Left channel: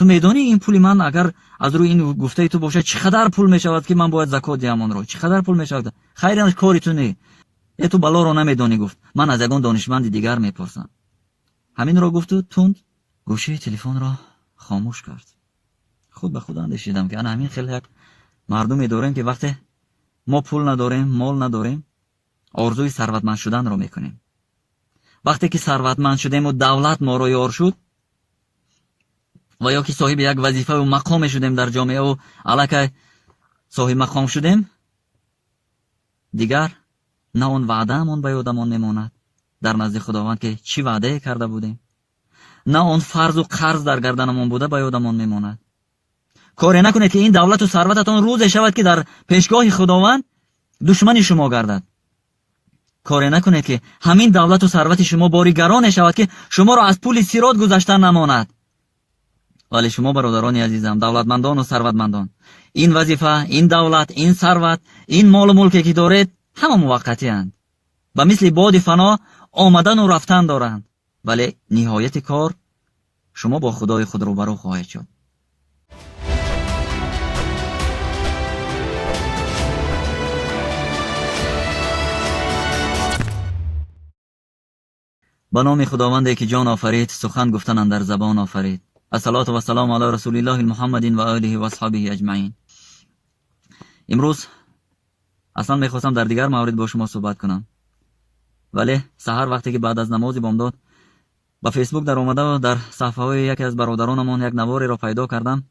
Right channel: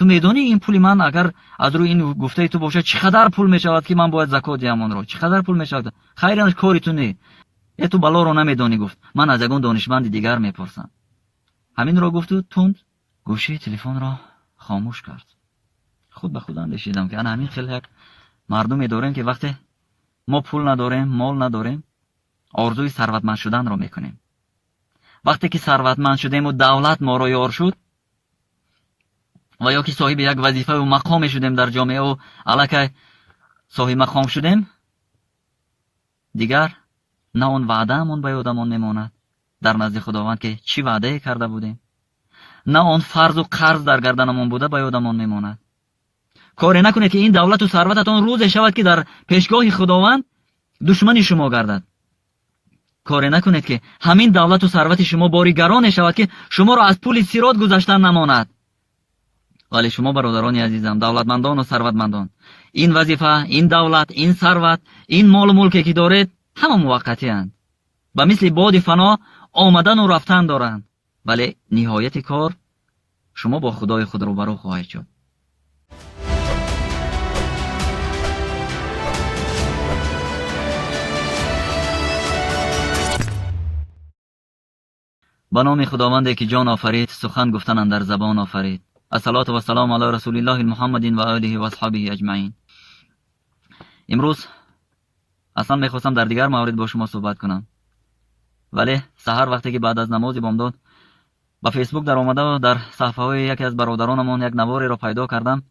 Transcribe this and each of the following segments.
تو میدونی این پولی من اگر از روی این گفته تو باشه چقدر پول میشود که من باید زکات دهم آن رو؟ چقدر پول میشود؟ خیرش کاری تو نی. تو بالا رو نمیدونی. گفت من از یگان دانشمند دیگر میپرسم. همین را گفت و تند گوشی تلفن را خاموش کرد. خود به خود اندیشیدم که انا همین خیلی یک مردمی داریم که وقتی ما پول نداریم، مال نداریم، آرزوی ثروتمند شدن رو میکنیم. وقتی که ثروتمند شدیم و دولت ما رو یار شد و یا که صاحب یک وظیفه و مقام شدیم در جامعه و الکی صاحب مقام شدیم، دیگر نه اون وعده‌مون به یادمون نماند در نزد خداوند که چی وعده کرده بودیم، نه اون فرض و قرض در گردنمون بوده به یادمون نماند. کاری نکنید که این دولت و ثروتتون روز شود که در پیشگاه خداوند دشمن شما گردد. کاری نکنید که همین دولت و ثروت شما باری گران شود که شما را از پل صراط گذشتن نماند. ولی شما برادران عزیزم، دولتمندان و ثروتمندان، این وظیفه، این دولت، این ثروت، این مال و ملکی که دارید همه موقتی اند و مثل باد فنا آمدن و رفتن دارند. ولی نهایت کار شما با خدای خود روبرو خواهید شد. به نام خداوندی که جان آفرید، سخن گفتن در زبان آفرید. الصلاة و السلام علی رسول الله محمد و آله و اصحابه اجمعین. امروز اصلا میخواستم در دیگر مورد با شما صحبت کنم، ولی سحر وقتی که بعد از نماز بامداد به فیسبوک در آمده و در صفحه های یکی از برادرانمان یک نواری را پیدا کردم،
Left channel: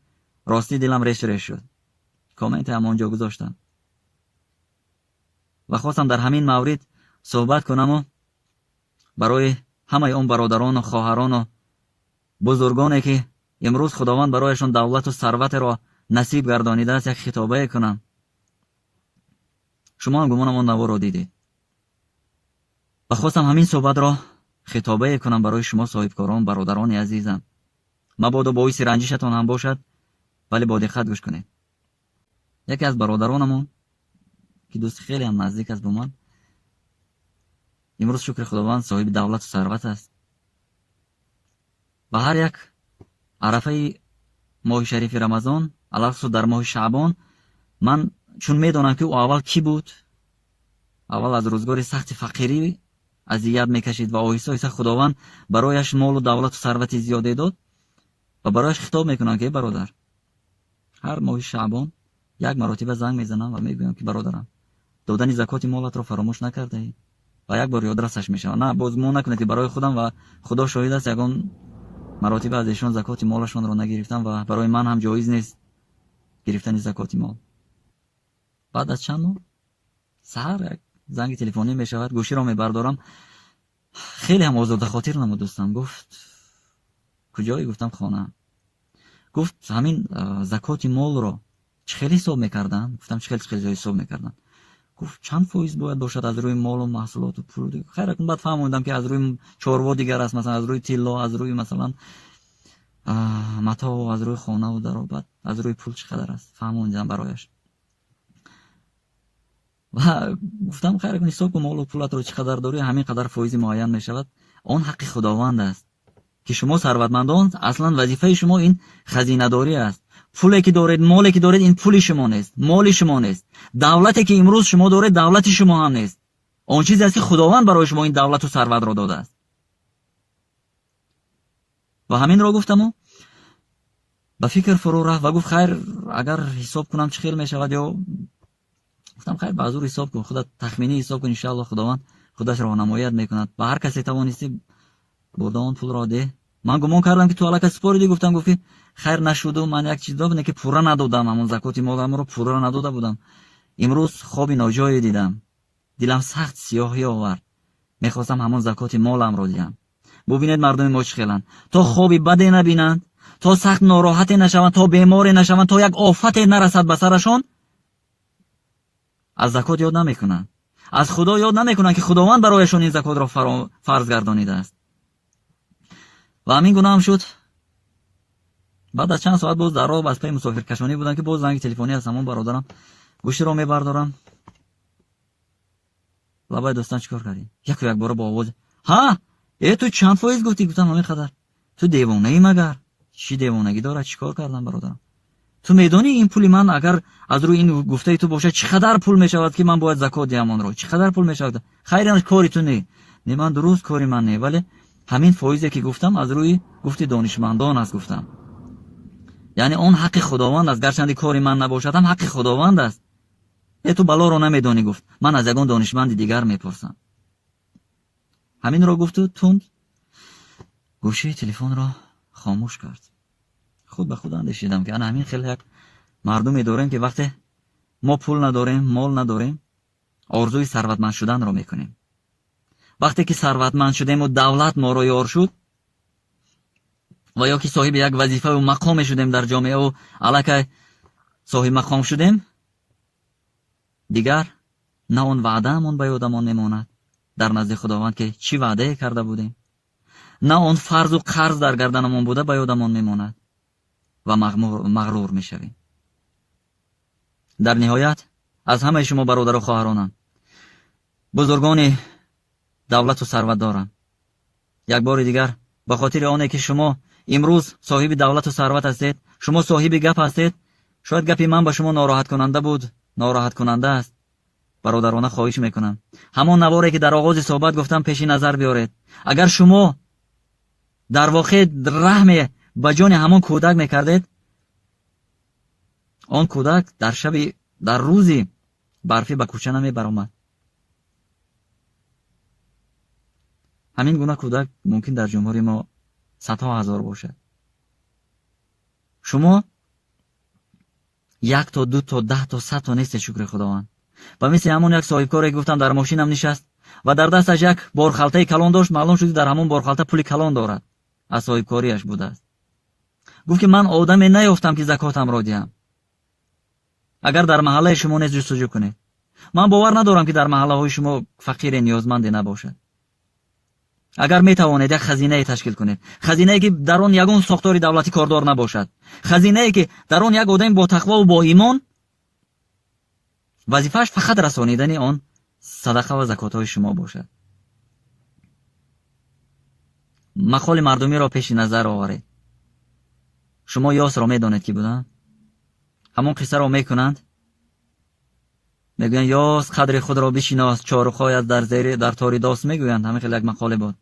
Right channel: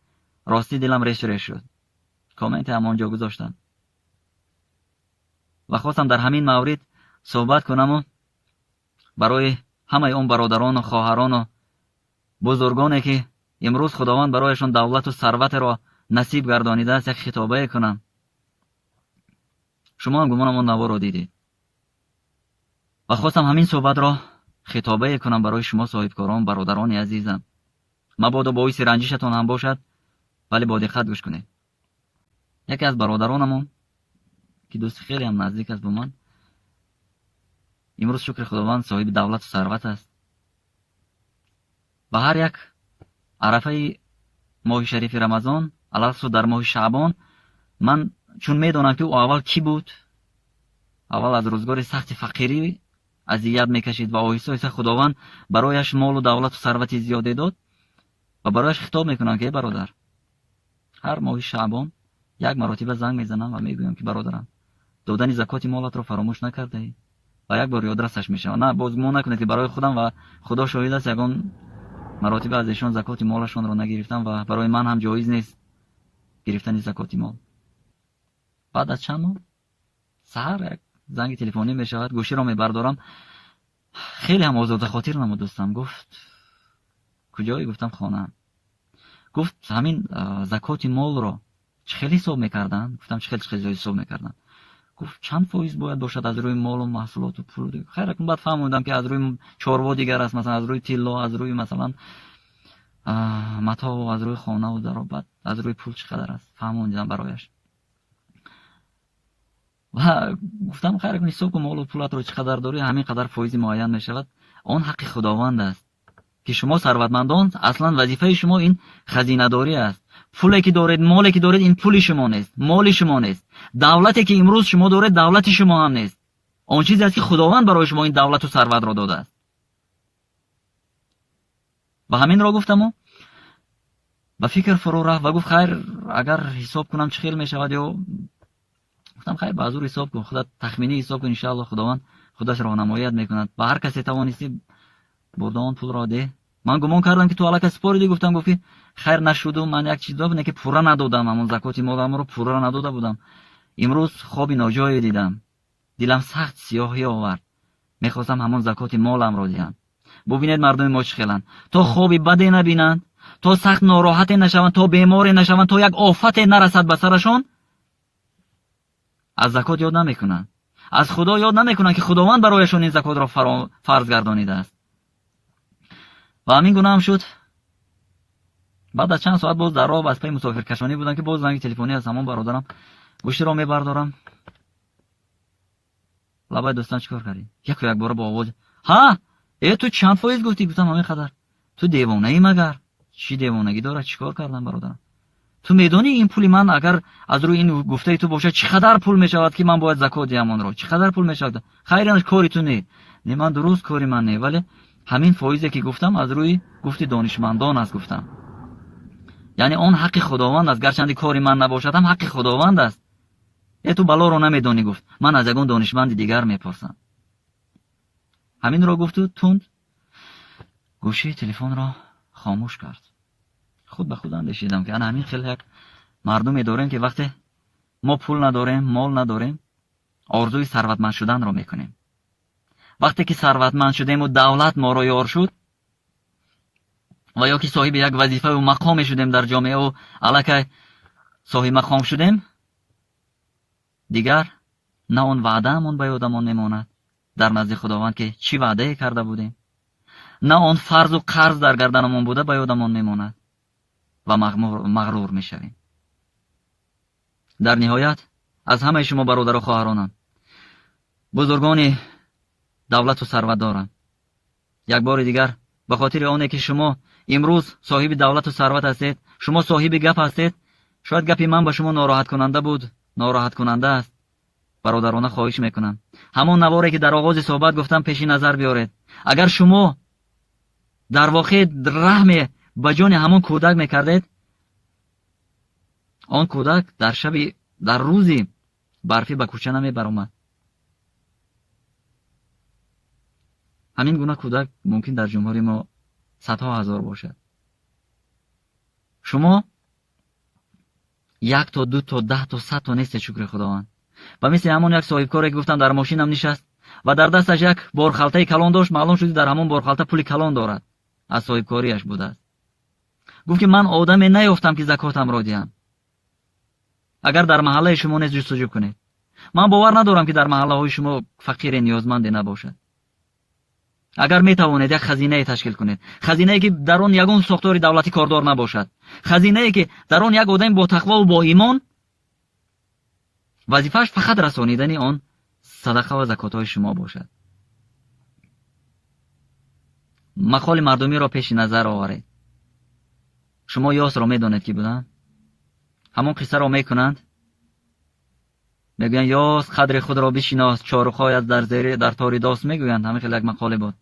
راستی دلم ریش ریش شد. کامنت هم آنجا گذاشتم و خواستم در همین مورد صحبت کنم و برای همه اون برادران و خواهران و بزرگانی که امروز خداوند برایشان دولت و ثروت را نصیب گردانیده است یک خطابه کنم. شما هم گمانم آن نوا را دیدید و خواستم همین صحبت را خطابه کنم برای شما صاحبکاران، برادران عزیزم. مبادا باعث رنجشتان هم باشد، ولی با دقت گوش کنید. یکی از برادرانمون که دوست خیلی هم نزدیک است با من، امروز شکر خداوند صاحب دولت و ثروت است و هر یک عرفه ماه شریف رمضان، علاوه در ماه شعبان، من چون میدونم که او اول کی بود، اول از روزگار سخت فقیری اذیت میکشید و آهسته آهسته خداوند برایش مال و دولت و ثروت زیادی داد و برایش خطاب میکنم که برادر، هر ماه شعبان یک مرتبه زنگ میزنم و میگویم که برادرم، دادن زکات مالت رو فراموش نکرده ای؟ و یک بار یادرسش میشه. نه بازگو نکنید که برای خودم و خدا شاهد است یگان مراتب از ایشان زکات مالشون رو نگرفتم و برای من هم جایز نیست گرفتن زکات مال. بعد از چند ماه سحر یک زنگ تلفنی میشود، گوشی رو میبردارم، خیلی هم آزاده خاطر نمود دوستم. گفت کجایی؟ گفتم خانه. گفت همین زکات مال رو چخیلی حساب میکردن؟ گفتم چخیلی حساب میکردن؟ گفت چند فایز باید باشد از روی مال و محصولات و پول؟ خیر بعد فهمیدم که از روی چوروا دیگر است، مثلا از روی طلا، از روی مثلا متاع و از روی خانه و در و بعد از روی پول چقدر است فهمیدم برایش. و گفتم خیر حساب کن مال و پولت رو چقدر داری، همین قدر فایز معین میشود. آن حق خداوند است که شما ثروتمندان اصلا وظیفه شما این خزینه داری است. پولی که دارید، مالی که دارید، این پول شما نیست، مال شما نیست. دولتی که امروز شما دارید دولت شما هم نیست. آن چیزی است که خداوند برای شما این دولت و ثروت را داده است. و همین را گفتم و به فکر فرو رفت و گفت خیر اگر حساب کنم چه خیلی میشود، یا گفتم خیر به حضور حساب کن، خودت تخمینی حساب کن، ان شاء الله خداوند خودش راهنماییت میکند. به هر کسی توانستی بردان پول را ده. من گمان کردم که تو الک سپاریدی، گفتم گفتی خیر نشد و من یک چیز دادم که پورا ندادم، همون زکات مالم رو پورا نداده بودم. امروز خوابی ناجایی دیدم، دلم سخت سیاهی آورد، میخواستم همون زکات مالم را دهم. ببینید مردم ما چخیلن، تا خوابی بدی نبینند، تا سخت ناراحتی نشوند، تا بیماری نشوند، تا یک آفت نرسد به سرشان، از زکات یاد نمیکنن، از خدا یاد نمیکنن که خداوند برایشان این زکات را فرض گردانیده است. و همین گونه هم شد. بعد از چند ساعت باز در راه از پای مسافر کشانی بودم که باز زنگ تلفنی از همون برادرم، گوشی رو میبردارم. لبای دوستان چیکار کردی؟ یک بار با آواز ها ای تو چند فایز گفتی؟ گفتم همین قدر. تو دیوانه ای مگر؟ چی دیوانگی داره؟ چیکار کردم برادرم؟ تو میدونی این پولی من اگر از روی این گفته تو باشه چقدر پول میشود که من باید زکات دهم آن رو؟ چقدر پول میشود؟ خیرش کاری تو نه من درست کاری من نه، ولی همین فایزی که گفتم از روی گفتی دانشمندان است گفتم. یعنی اون حق خداوند است، گرچه کاری من نباشد هم حق خداوند است. تو بلا رو نمیدانی گفت. من از یگان دانشمند دیگر میپرسم. همین رو گفت و تند گوشی تلفن را خاموش کرد. خود به خود اندیشیدم که همین خیلی مردمی داریم که وقتی ما پول نداریم، مال نداریم، آرزوی ثروتمند شدن رو میکنیم. وقتی که ثروتمند شدیم و دولت ما رو یار شد و یا که صاحب یک وظیفه و مقام شدیم در جامعه و الکی صاحب مقام شدیم، دیگر نه اون وعدهمون به یادمون نماند در نزد خداوند که چی وعده کرده بودیم، نه اون فرض و قرض در گردنمون بوده به یادمون نماند و مغرور میشویم. در نهایت از همه شما برادر و خواهرانم، بزرگان دولت و ثروت دارم، یک بار دیگر به خاطر آنه که شما امروز صاحب دولت و ثروت هستید، شما صاحب گپ هستید، شاید گپی من به شما ناراحت کننده بود، ناراحت کننده است، برادرانه خواهش میکنم همون نواری که در آغاز صحبت گفتم پیش نظر بیارید. اگر شما در واقع رحم به جان همون کودک میکردید، آن کودک در روزی برفی به کوچه نمی برآمد. همین گونه کودک ممکن در جمهوری ما صدها هزار باشد. شما 1 تا 2 تا 10 تا 100 تا نیست شکر خداوند. و مثل همون یک صاحب کاری که گفتم در ماشینم نشست و در دستش یک بارخالته کلان داشت، معلوم شد در همون بارخالته پول کلان دارد، از صاحب کاریش بوده است. گفت که من آدمی نیافتم که زکاتم را دهم. اگر در محله شما نیز جستجو کنید، من باور ندارم که در محله های شما فقیر نیازمند نباشد. اگر می توانید یک خزینه تشکیل کنید، خزینه‌ای که در اون یگان ساختار دولتی کاردار نباشد، خزینه‌ای که در اون یک آدم با تقوا و با ایمان وظیفه‌اش فقط رسانیدن آن صدقه و زکات‌های شما باشد. مقال مردمی را پیش نظر آورید. شما یاس را میدانید کی بودند؟ همون قصه را میکنند، میگویند یاس قدر خود را بشناس، چارخایت در تاری داست میگویند. همین خیلی یک مقاله بود.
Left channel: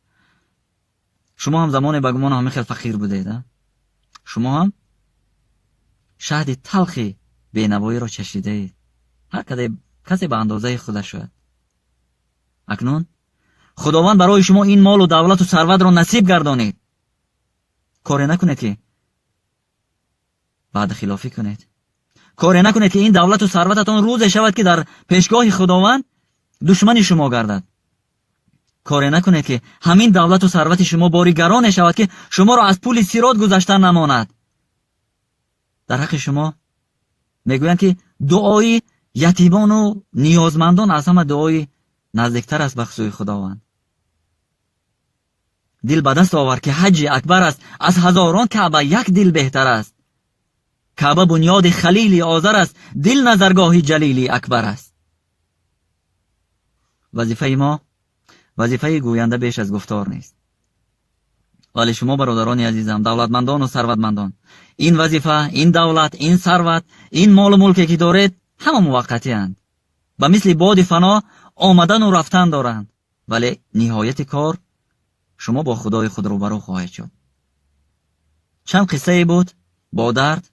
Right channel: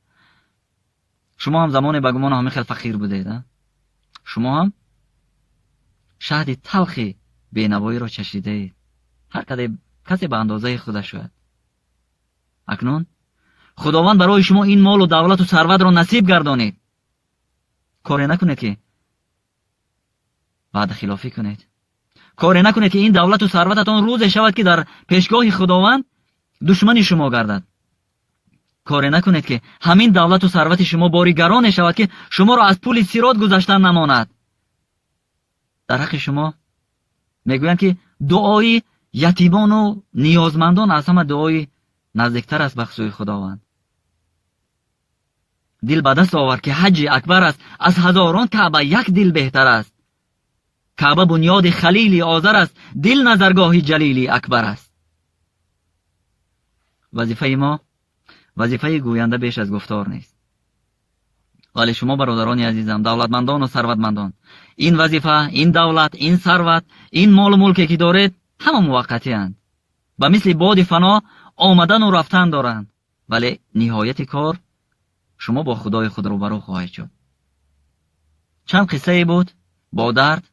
شما هم زمان بگمان همین خیلی فقیر بودید. شما هم شهد تلخی بینوایی را چشیدید. هر کسی به اندازه خودش شد. اکنون خداوند برای شما این مال و دولت و ثروت را نصیب گردانید. کاری نکنید که بعد خلافی کنید. کاری نکنید که این دولت و ثروتتان روز شود که در پیشگاه خداوند دشمن شما گردد. کاری نکنید که همین دولت و ثروت شما باری گران شود که شما را از پول صراط گذشتن نماند. در حق شما میگویند که دعای یتیمان و نیازمندان از همه دعای نزدیکتر است به سوی خداوند. دل به دست آور که حج اکبر است، از هزاران کعبه یک دل بهتر است. کعبه بنیاد خلیل آذر است، دل نظرگاه جلیل اکبر است. وظیفه ما وظیفه گوینده بیش از گفتار نیست. ولی شما برادران عزیزم، دولتمندان و ثروتمندان، این وظیفه، این دولت، این ثروت، این مال و ملکی که دارید همه موقتی اند و مثل باد فنا آمدن و رفتن دارند، ولی نهایت کار شما با خدای خود روبرو خواهید شد. چند قصه بود با درد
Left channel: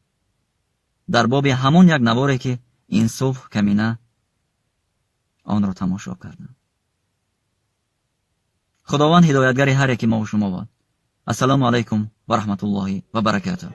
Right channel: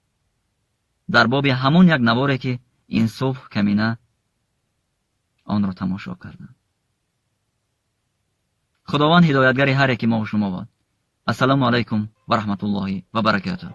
در باب همون یک نواری که این صبح کمینه آن را تماشا کردم. خداوند هدایتگر هر یکی ما و شما باد. السلام علیکم و رحمت الله و برکاته.